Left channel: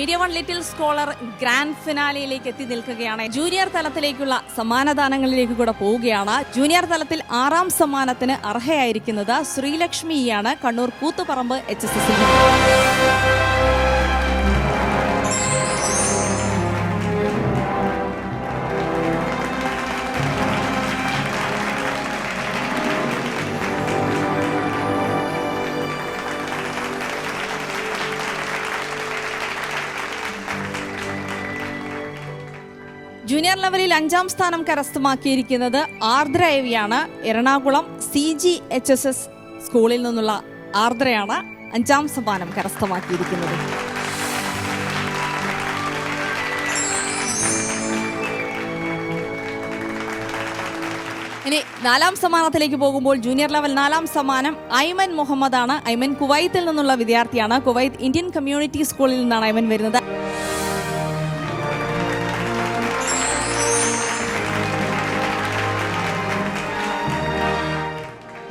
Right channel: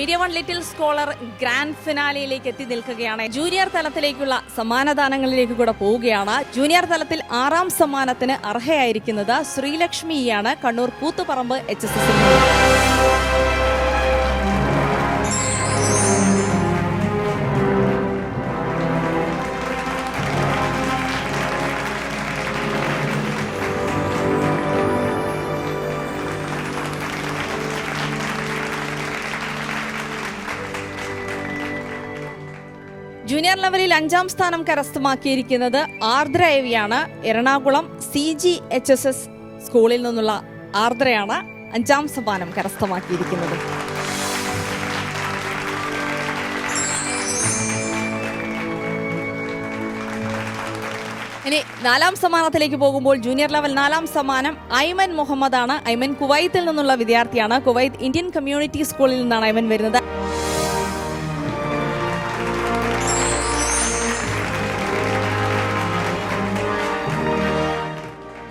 Media One Little Scholar grand ഫിനാലയിലേക്ക് എത്തി നിൽക്കുകയാണ്. ജൂനിയർ തലത്തിലേക്കുള്ള സമ്മാനദാനങ്ങളിലേക്ക് കൂടെ പോവുകയാണ്. ജൂനിയർ തലത്തിൽ 6ാം സമ്മാനത്തിന് അർഹയായിരിക്കുന്നത് ശ്രീലക്ഷ്മിയാണ്, കണ്ണൂർ കൂത്തുപറമ്പ് HSS. ജൂനിയർ ലെവലിൽ 5ാം സ്ഥാനം കരസ്ഥമാക്കിയിരിക്കുന്നത് ആർദ്ര എവിയാണ്. എറണാകുളം CGHSS സ്കൂളിൽ നിന്നുള്ള ആർദ്രയാണ് 5ാം സമ്മാനം കരസ്ഥമാക്കിയിരിക്കുന്നത്. ഇനി 4ാം സമ്മാനത്തിലേക്ക് പോകുമ്പോൾ ജൂനിയർ ലെവൽ 4ാം സമ്മാനം ഐമൻ മുഹമ്മദാണ്. ഐമൻ കുവൈത്തിൽ നിന്നുള്ള വിദ്യാർത്ഥിയാണ്. കുവൈത്ത് ഇന്ത്യൻ കമ്മ്യൂണിറ്റി സ്കൂളിൽ നിന്നാണ് ഐമൻ വരുന്നത്.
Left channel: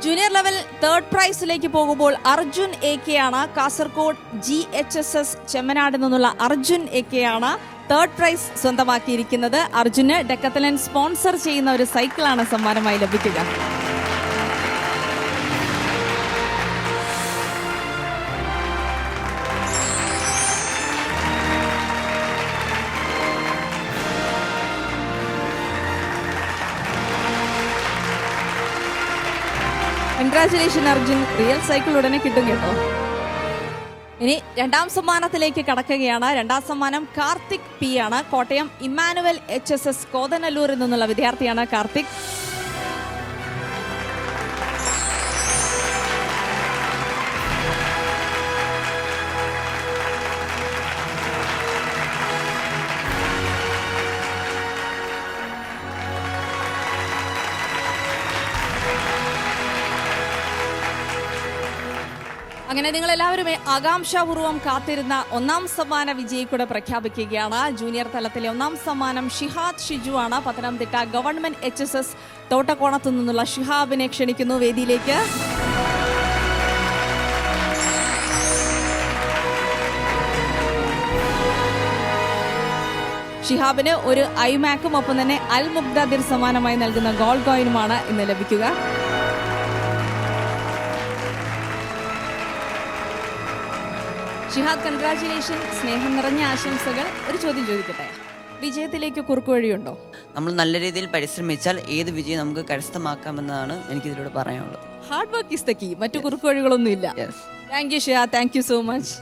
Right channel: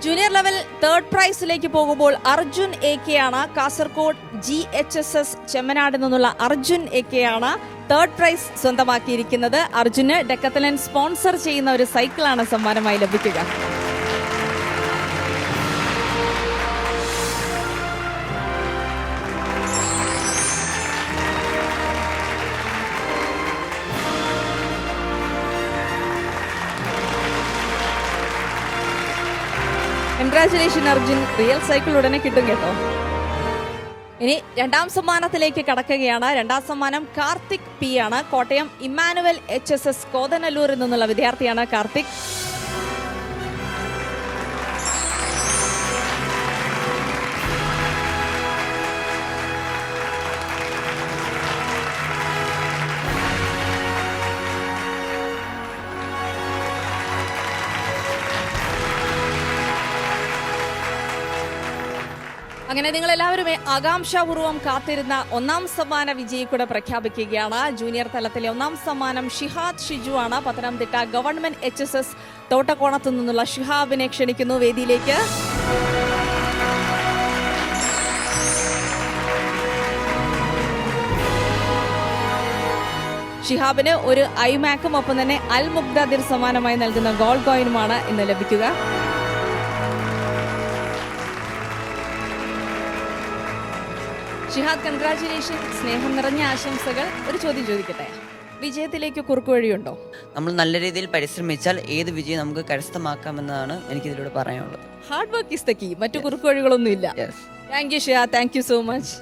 ജൂനിയർ ലെവൽ 3rd പ്രൈസിലേക്ക് പോകുമ്പോൾ അർജുൻ AK ആണ്. കാസർഗോഡ് GHSS ചെമ്മനാട് നിന്നുള്ള അർജുൻ AK ആണ് 3rd പ്രൈസ് സ്വന്തമാക്കിയിരിക്കുന്നത്. അർജുന് ഡെക്കത്തലൻ സ്പോൺസർ ചെയ്യുന്ന ഒരു സൈക്കിളാണ് സമ്മാനമായി ലഭിക്കുക. കൺഗ്രാറ്റുലേഷൻ അർജുൻ, റിയൽ സൈക്കിൾ ഉടനെ കിട്ടും കേട്ടോ. ഇനി 2ാം സമ്മാനത്തിലേക്ക് കടക്കുകയാണ്. 2ാം സമ്മാനം കാർത്തിക് P ആണ്. കോട്ടയം ഇമ്മാനുവൽ HSS കോതനല്ലൂരിൽ നിന്നുള്ള വിദ്യാർത്ഥിയാണ് കാർത്തിക്. അങ്ങനെ നിങ്ങൾ എല്ലാവരും ആകാംക്ഷാപൂർവ്വം കാത്തിരുന്ന 1ാം സമ്മാന വിജയി കൂടെ പ്രഖ്യാപിക്കുകയാണ്. ജൂനിയർ തലത്തിലെ 1ാം സമ്മാനം ഷിഹാദ് ഷിജു ആണ്. പത്തനംതിട്ട ഗവൺമെന്റ് HSS തോട്ടക്കോണത്തു നിന്നുള്ള ഷിഹാബിനെ ക്ഷണിക്കുന്നു വേദിയിലേക്ക്. ഷിഹാബിന് ഒരു ഐമാക്കും ഒപ്പം തന്നെ അൽ മുഖ്താദിർ സമ്മാനമായി നൽകുന്ന ഗോൾഡ് കോയിനുമാണ് ഇന്ന് ലഭിക്കുക. ഷിഹാദ്, കൺഗ്രാറ്റുലേഷൻ, സ്നേഹം നിറഞ്ഞ ആശംസകൾ. ഒരു ചോദ്യം ചോദിക്കട്ടെ, വിജയത്തിലേക്ക് കുറുക്കുവഴിയുണ്ടോ? നമ്മൾ നല്ല രീതിയിൽ പരിശ്രമിച്ചാൽ ഏത് വിജയം നമുക്ക് കരസ്ഥമാക്കാമെന്നാണ് എനിക്ക് ഇതിലൂടെ പറയാനുള്ളത്. Hard work is the key, മറ്റു കുറുക്കുവഴികളൊന്നും ഇല്ല. Thank you Shihad, thank you so much.